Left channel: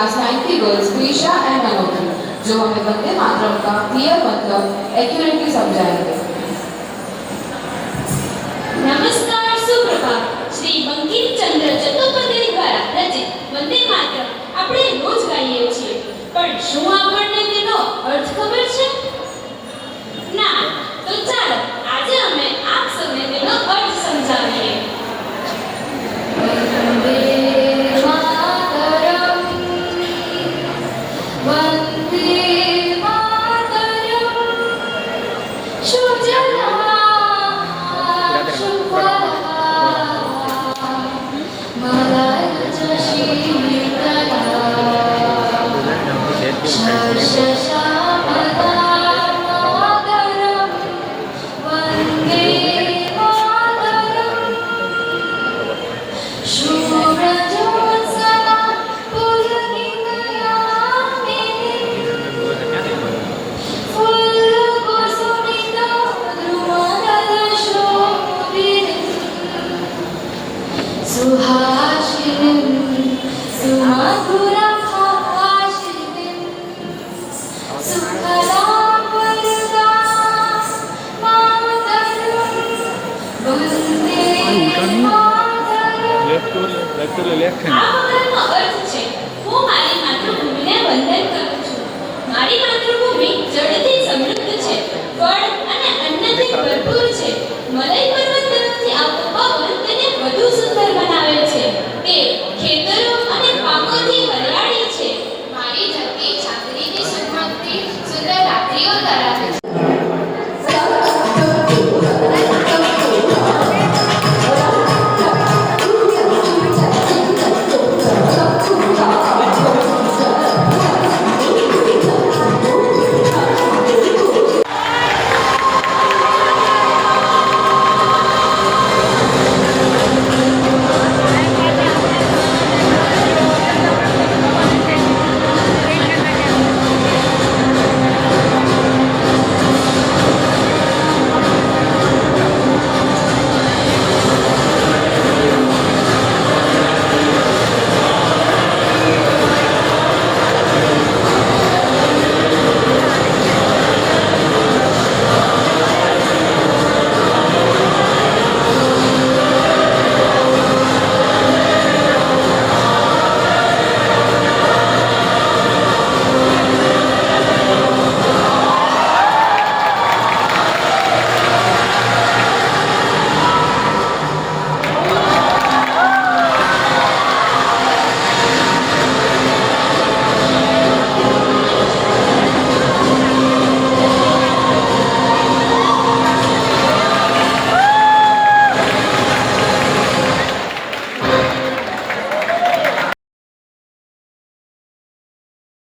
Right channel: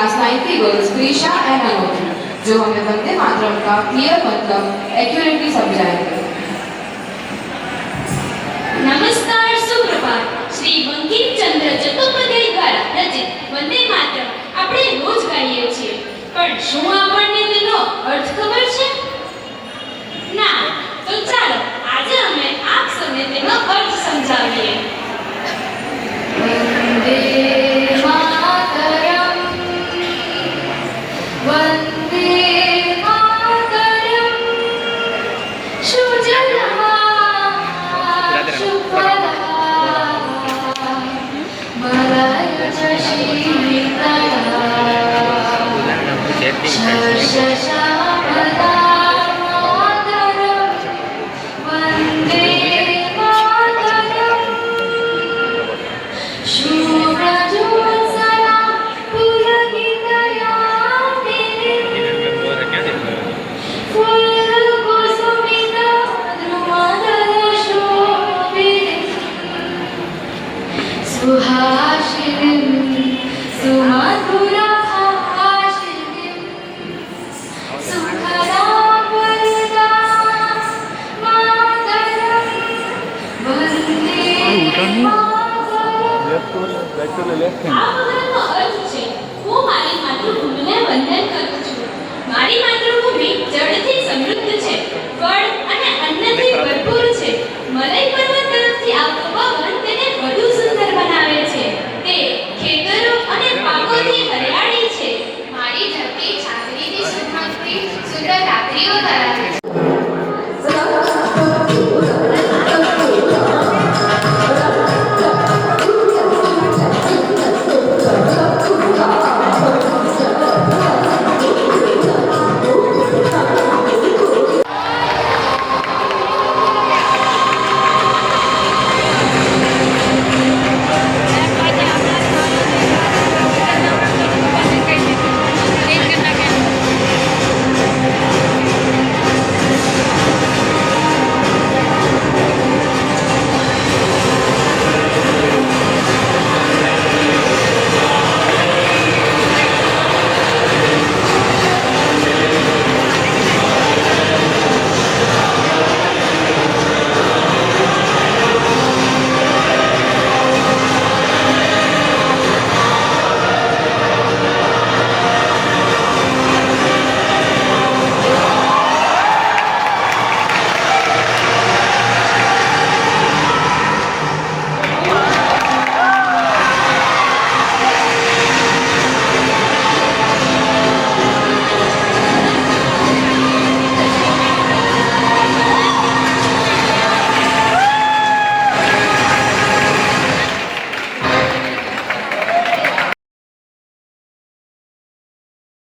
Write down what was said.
Class 9 की girls Prisha and Manoj, जो हमें वंदे मातरम का क्लियर मतलब एक्यूरेटली समझाएंगे। नमस्कार, सुप्रभात। श्री बंकिम चंद्र चट्टोपाध्याय द्वारा रचित वंदे मातरम આપણે રોજ ગાઈએ છીએ, પણ શું આપણને તેનો અર્થ ખબર છે? ના, તો ચાલો આજે અમે આપ સૌને તેનો અર્થ સમજાવીએ। वंदे मातरम, वंदे मातरम, सुजलां सुफलां मलयज शीतलां शस्यश्यामलां मातरम, वंदे मातरम, शूरजोत्सना पुलकितयामिनी, फुल्लकुसुमिता ध्रुवदलशोभिनी, सुहासिनीं सुमधुरभाषिणीं, सुखदां वरदां मातरं, वन्दे लेफ्ट टू लेफ्ट हैंड। આ વગરનો અર્થ છે હું મારી માતૃભૂમિને વંદન કરું છું। મારી માતૃભૂમિ જળથી સમૃદ્ધ છે, ફળ અને અન્નથી ભરપૂર છે। મલય પર્વત તરફથી આવતો પવન તેને વધુ સુંદર બનાવે છે। તે ખેતરો અને પાકોથી હરિયાળી છે। મારી ધરતી ચાંદનીથી સુમકતી સુંદર રાત્રિઓ ધરાવે છે।